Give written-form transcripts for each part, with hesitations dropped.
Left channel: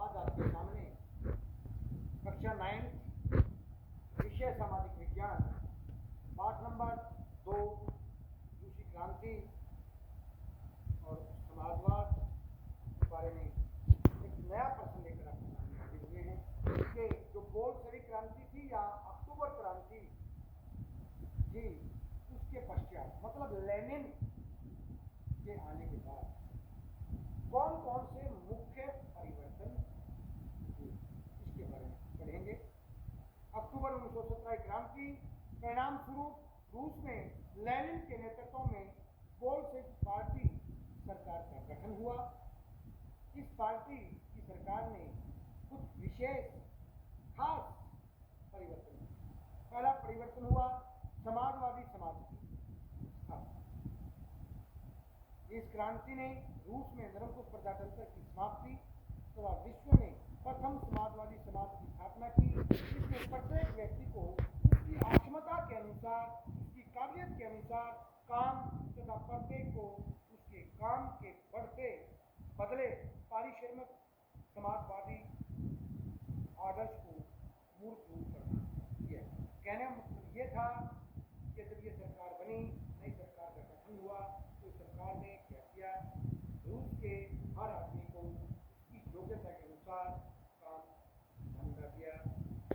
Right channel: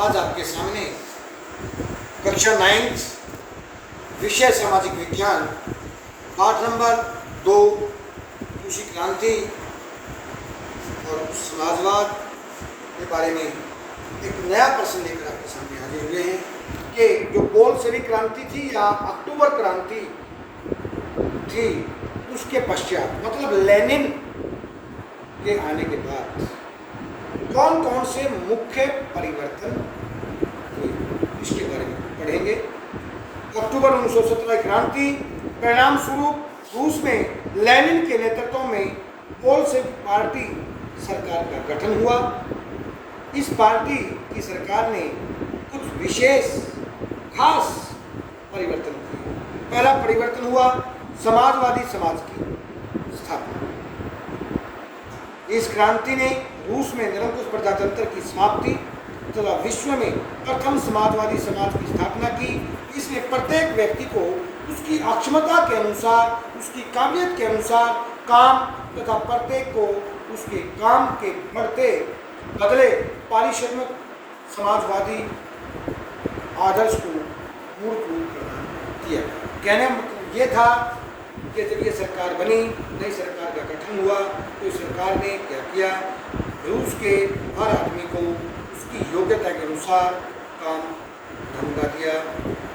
आज आपके सामने कक्षा 9 विषय सामाजिक विज्ञान पाठ नंबर 2 कृषि क्रांति और समाजवाद के बारे में एक नया प्रश्न लेकर आपके सामने हाजिर हुए हैं कि जो बोल्शेविक क्रांति थी या अक्टूबर क्रांति थी उसके पश्चात मतलब लेनिन के आने के बाद कौन कौन से मुख्य परिवर्तन हुए इसके बारे में पढ़ेंगे। अक्टूबर 1917 क्रांति परिणाम स्वरूप रूस में लेनिन के नेतृत्व में बोल्शेविक पार्टी सरकार का गठन हुआ। इस पार्टी की सरकार ने कुछ विशेष खास परिवर्तन किए। पहला परिवर्तन हुआ समाजवादी समाज की स्थापना। इस क्रांति ने रूस में निरंकुश प्रजातंत्र की समाप्ति तथा विश्व में प्रथम समाजवादी समाज की स्थापना की। इसने प्रत्येक व्यक्ति को उसकी अक्षमता के अनुसार, उसकी काबिलियत के अनुसार काम तथा प्रत्येक को उसके काम के बढ़ते बदले पारिश्रमिक समाजवादी आदर्श को मूर्त रूप प्रदान किया। कहने का मतलब ये था कि जब ये सरकार बनी, नई सरकार का गठन हुआ, तो सरकार ने क्या किया, रूस के हर आदमी को उसकी योग्यता के अनुसार काम धंधा दिया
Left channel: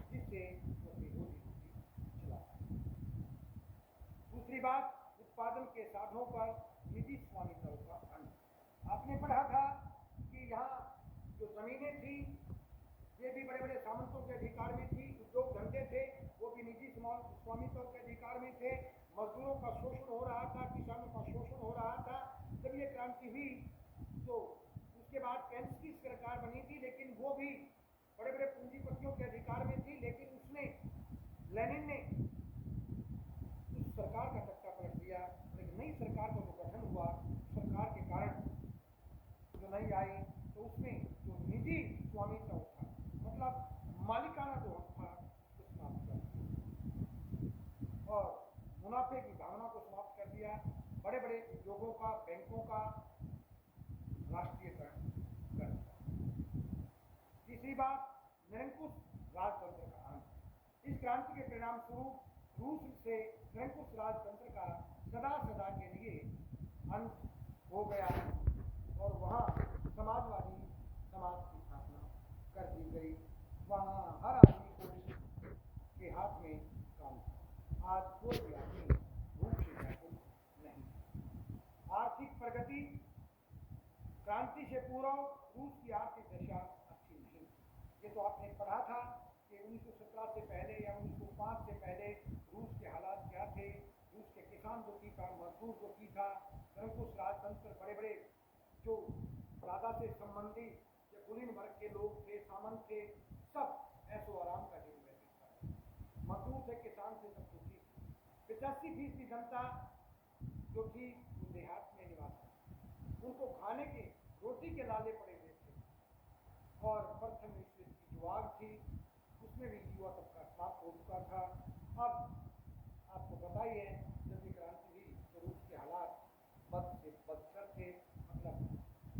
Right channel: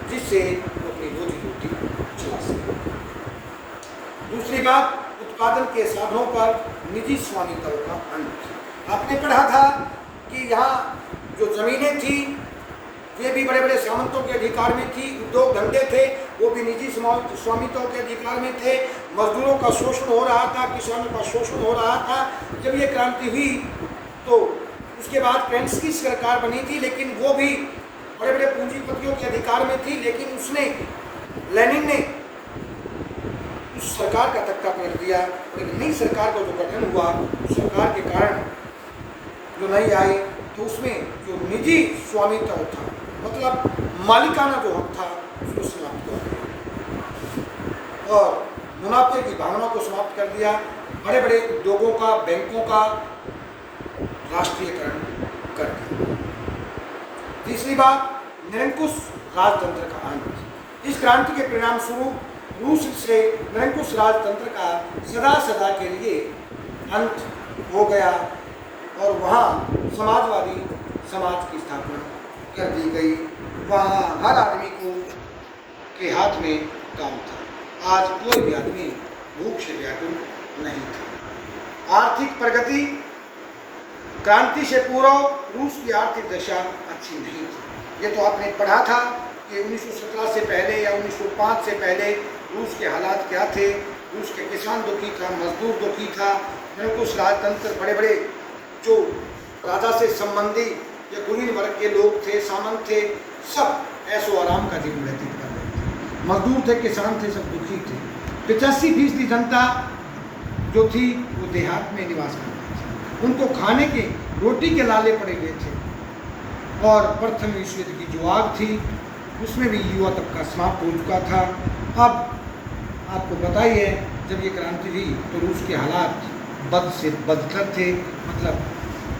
जिससे वो अपनी रोजी रोटी चला सके। दूसरी बात, उत्पादन के साधनों पर निजी स्वामित्व का अंत। आपने पढ़ा था कि यहाँ जो जमीनें थी वे भी बड़े बड़े सामंतों के अधिकार में थी, उद्योग धंधे थे वो भी निजी स्वामित्व के अधिकार में थे, मजदूरों का शोषण हो रहा था, किसानों का शोषण हो रहा था। जब ये क्रांति हुई तो उसके बाद केरेंस्की सरकार बनी थी, लेकिन वो भी बड़े बड़े पूंजीपतियों के अधिकार में थी, लेकिन उसने लेनिन ने उस सरकार का तख्ता पलट दिया। लेकिन नई सरकार का जो गठन हुआ उस सरकार के कारण जो नई आई तो उसमें जो निजी स्वामित्व था मतलब मालिकाना जो हक था उसको समाप्त कर दिया और मुनाफे की भावना को समाप्त कर दिया। बड़े बड़े उद्योगों का, बैंकों का राष्ट्रीयकरण कर दिया। तीसरी बात, निरंकुश राजतंत्र का अंत। इस क्रांति के परिणाम स्वरूप रूस से निरंकुश राजतंत्र का सदा सदा के लिए अंत हो गया और वहाँ समाजवादी समाज की स्थापना कर दी गई। वहाँ हर आदमी को के हाथ में काम था। आज कोई भी आदमी भूख से व्याकुल नहीं था। आर्थिक प्रगति, क्रांति से पूर्व रूस की आर्थिक दशा अच्छी नहीं थी। ये तो आपने पढ़ा था कि 1917 से पहले या 1905 से पहले रूस के हालात क्या थे। रूस के किसान दुखी था, मजदूर दुखी था, निरंकुश राजतंत्र, बड़े बड़े जो राजा से संबंधी या कुलीन वर्ग के लोग थे, सामंत थे, सब ऐसो आराम का जीवन व्यतीत कर रहे थे। मजदूर थे, किसान थे, सब दुखी थे। 85% जनता जो थी वो देहात में निवास करती थी। उनको खाने के रोटी के लाले पड़े हुए थे और प्रथम विश्व युद्ध की जो आग थी उसमें भी युवा तबका समाप्त हो चुका था। अब आपको बताइए जब ये क्रांति हुई तो रूस के हालात बद से बदतर थे, मतलब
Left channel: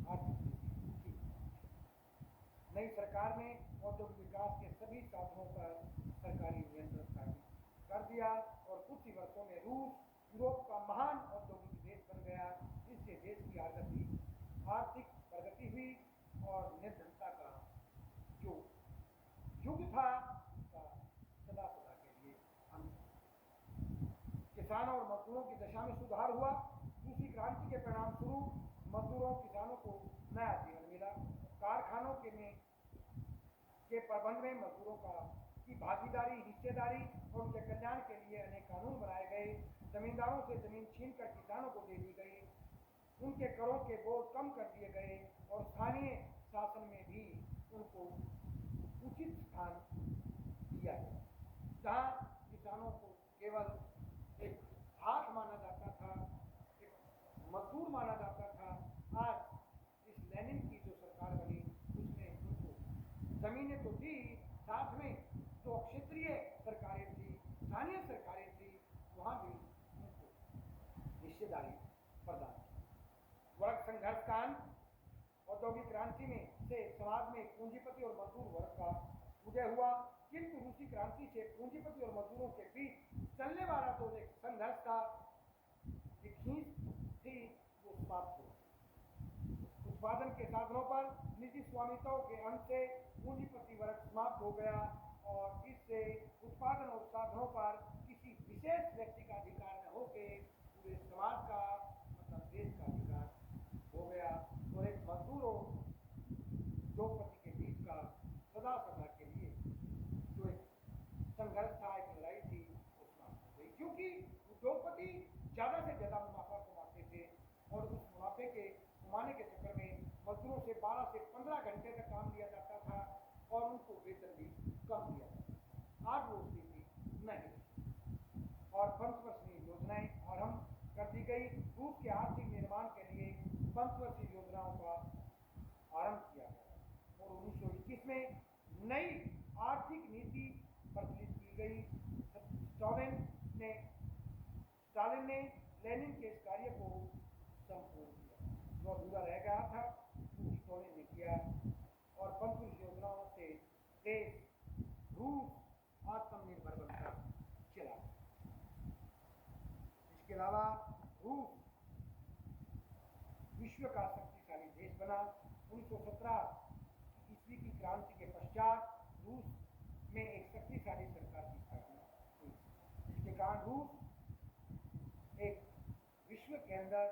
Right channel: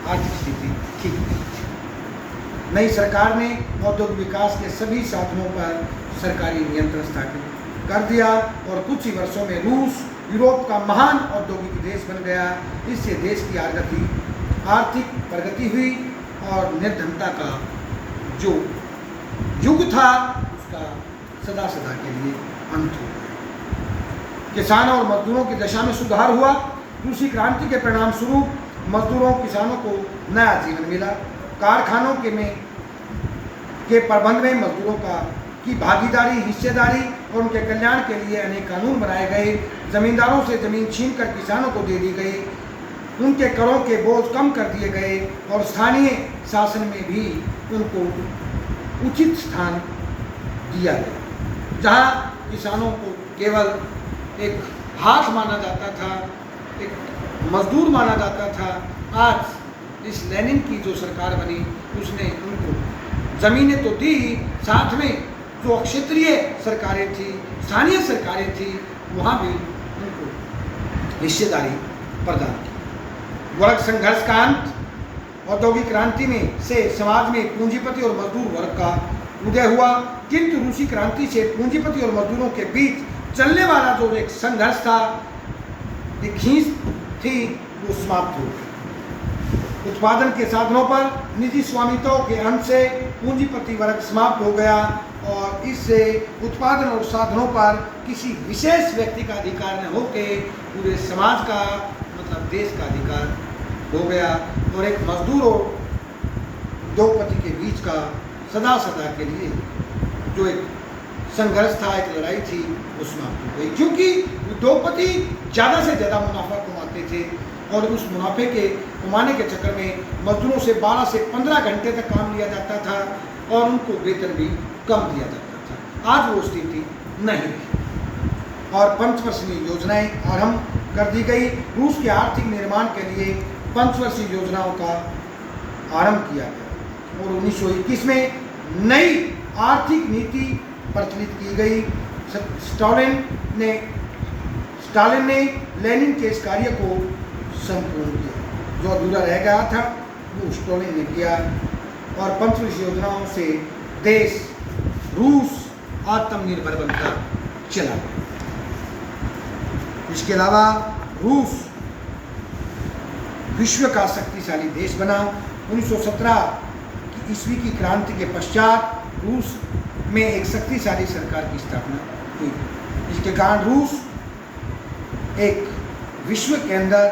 आर्थिक स्थिति ठीक नहीं थी। नई सरकार ने औद्योगिक विकास के सभी साधनों पर सरकारी नियंत्रण स्थापित कर दिया और कुछ ही वर्षों में रूस यूरोप का महान औद्योगिक देश बन गया। इससे देश की आर्थिक प्रगति हुई और निर्धनता का जो युग था उसका सदा सदा के लिए अंत हो गया। किसानों और मजदूरों की दशा में सुधार हुआ। रूसी क्रांति के परिणाम स्वरूप मजदूरों, किसानों को नया जीवन मिला। कारखानों के प्रबंध में मजदूरों की भागीदारी, हिस्सेदारी और उनके कल्याण के लिए अनेक कानून बनाए गए। जमींदारों से जमीन छीनकर किसानों को दे दी गई। उनके करों के बोझ कम कर दिए गए और स्थानीय शासन में भी उनको उचित स्थान दिया गया। जहाँ किसानों को केवल एक हाथ माना जाता था, एक मजदूर माना जाता था, आज इस लेनिन की जो सरकार बनी उसने उनको ज़मीनें तो दी, साथ में जो क्षेत्रीय सरकारें थी, स्थानीय सरकारें थी, वहाँ भी उनको हिस्सेदारी प्रदान की। वर्ग संघर्ष का अंत। औद्योगिक क्रांति में से समाज में पूंजीपति और मजदूर वर्ग का उदय हुआ, किंतु रूसी क्रांति से पूंजीपति और मजदूरों के बीच चलने वाला जो एक संघर्ष था, एक खींच थी, वो समाप्त हो गई। उत्पादन के साधनों पर निजी स्वामित्व के अंत से पूंजीपति वर्ग समाप्त हो गया और इससे उत्पादन और साधनों पर किसी विशेष व्यक्ति का अधिकार न होके पूरे समाज का मतलब देश का अधिकार हो गया और एक मजदूर और उद्योगपति के बीच का सदा सदा के लिए जो एक संघर्ष था, एक लड़ाई थी, वो समाप्त हो गई, क्योंकि उद्योगपति ज़्यादा से ज़्यादा मुनाफा कमाते थे और उस मुनाफे के कमाने के चक्कर में मजदूरों से 12 से 15 घंटे तक काम लिया जाता था और उनको वेतन भी कम दिया जाता था। आज वो स्थिति नहीं रही और पंचवर्षीय योजनाएं आरंभ कर दी गई। रूस के आर्थिक निर्माण के लिए पंचवर्षीय योजनाओं का आरंभ किया गया और 1921 में नई आर्थिक नीति प्रचलित की गई। स्टालिन ने लेनिन के इस कार्य को संपूर्ण किया, जो अधूरा रह गया था वो स्टालिन ने किया और पंचवर्षीय योजनाओं से देश रूस आत्मनिर्भर बनता चला गया। इसके अलावा रूस विश्व का शक्तिशाली देश बना। 1917 की ईस्वी की क्रांति के पश्चात रूस में एक शक्तिशाली सरकार की स्थापना हुई। इसके कारण रूस एक विश्व के अंदर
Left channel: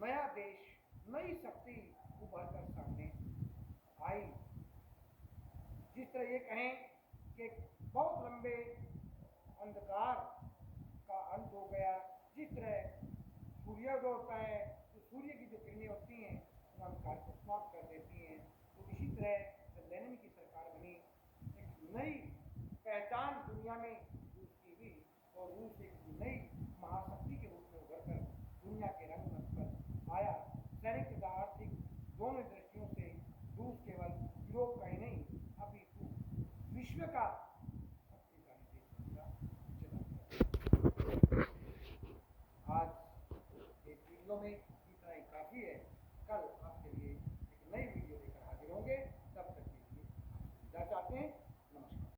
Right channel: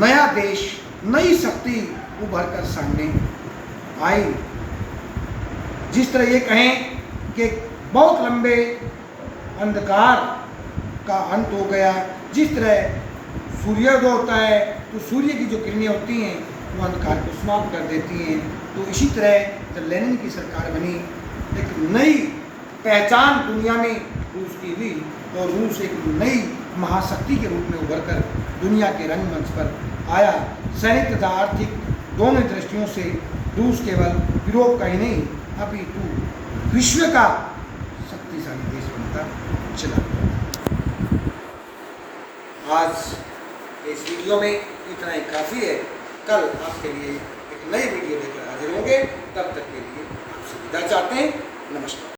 नया देश, नई शक्ति उभर कर सामने आई। जिस तरह ये कहें कि बहुत लंबे अंधकार का अंत हो गया, जिस तरह सूर्योदय होता है तो सूर्य की जो किरणें होती हैं वो अंधकार को समाप्त कर देती हैं, तो इसी तरह जब लेनिन की सरकार बनी एक नई पहचान दुनिया में रूस की हुई और रूस एक नई महाशक्ति के रूप में उभर कर दुनिया के रंगमंच पर आया। सैनिक तथा आर्थिक दोनों दृष्टियों से रूस केवल यूरोप का ही नहीं अपितु विश्व का शक्तिशाली देश बनता चला। आज इस वीडियो में इतना ही काफ़ी है। कल आपके लिए एक नई वीडियो लेकर हाजिर होंगे। तब तक के लिए आपसे विदा चाहते हैं। नमस्कार।